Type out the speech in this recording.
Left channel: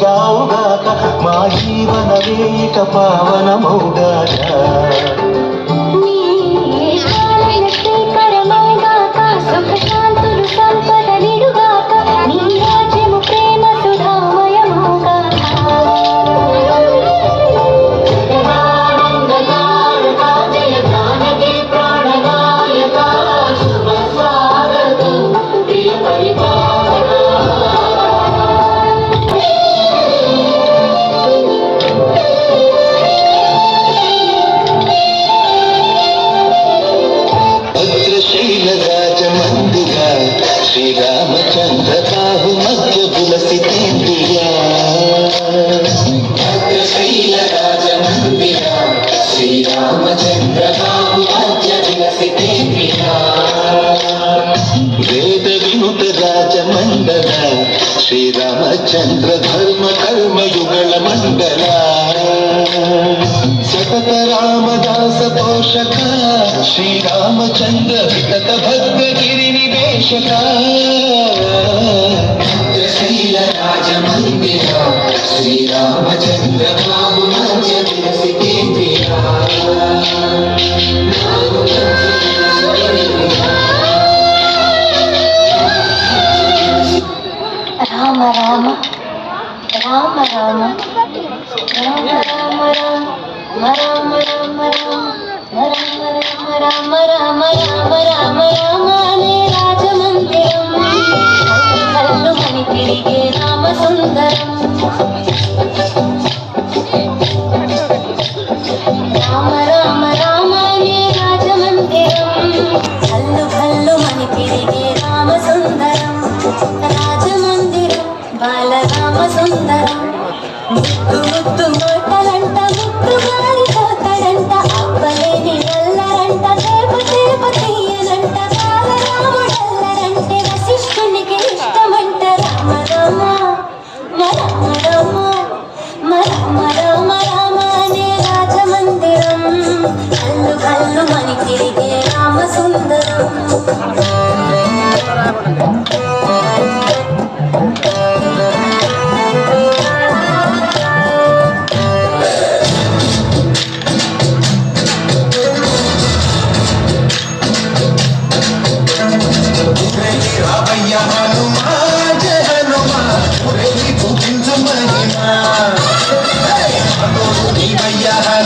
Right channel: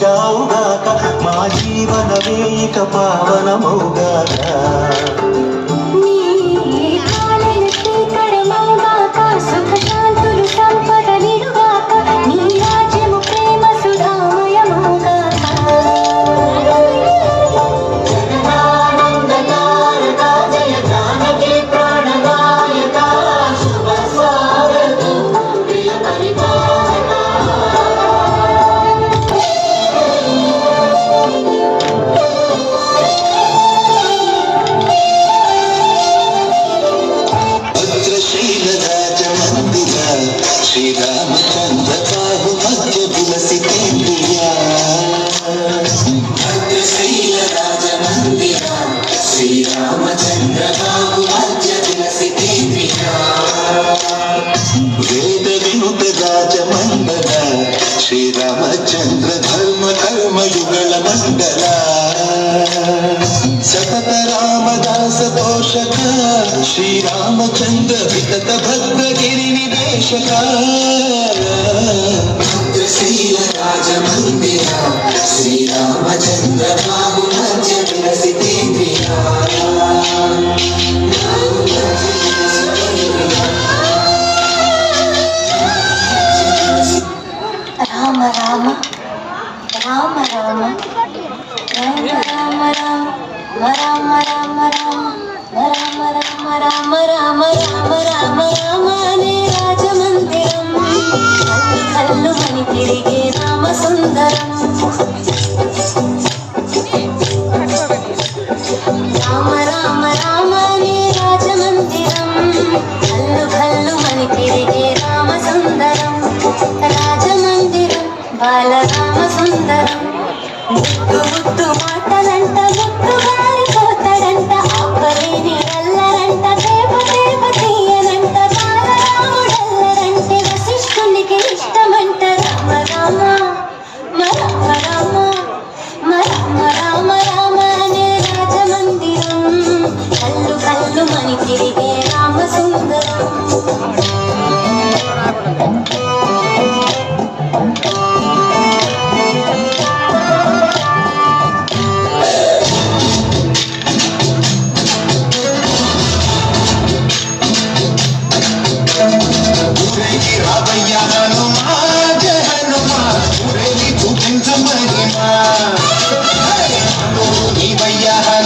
జావుగాక మా జీవనమే ఇక పావనమౌగాక శ్రీరామచంద్ర బాహు మధ్య తులసి కేంద్రియా భద్రశైల రాజమందిర శ్రీరామచంద్ర బాహు మధ్య తులసి కేంద్రియా వేద వినుత రాజమండల శ్రీరామచంద్ర ధర్మ కర్మయుగళ మండల సతత రామదాస పోషక శ్రీరామచంద్ర వితత భద్రగిరి నివేశక భద్రశైల రాజమందిర శ్రీరామచంద్ర బాహు మధ్య తులసి కేంద్రియా రామ రామ రామ రామ రామ రామ రామ రామ రామ రామ రామ రామ రామ రామ రామ నే రాజమందిరం కళ్ళు మని తిరిగే రామ సుందరం రామ రామ రామ నే రాజమందిరం కళ్ళు మని తిరిగే రామ సుందరం రాజమందిరం బాలరామ సుందరం ముద్దు ముద్దు మోటలంట ముద్దు మారిపోతాడంట అవ్వలేని ఎల్లరంట దేవ దేవ తీయనంట బాలరాముడల్లరంటే వశిష్ఠునికి ఇష్టమంట రామ రామ రామ రామ రామ రామ రామ అనే రాజమందిరం కళ్ళు మని తిరిగే రామ సుందరం Hey,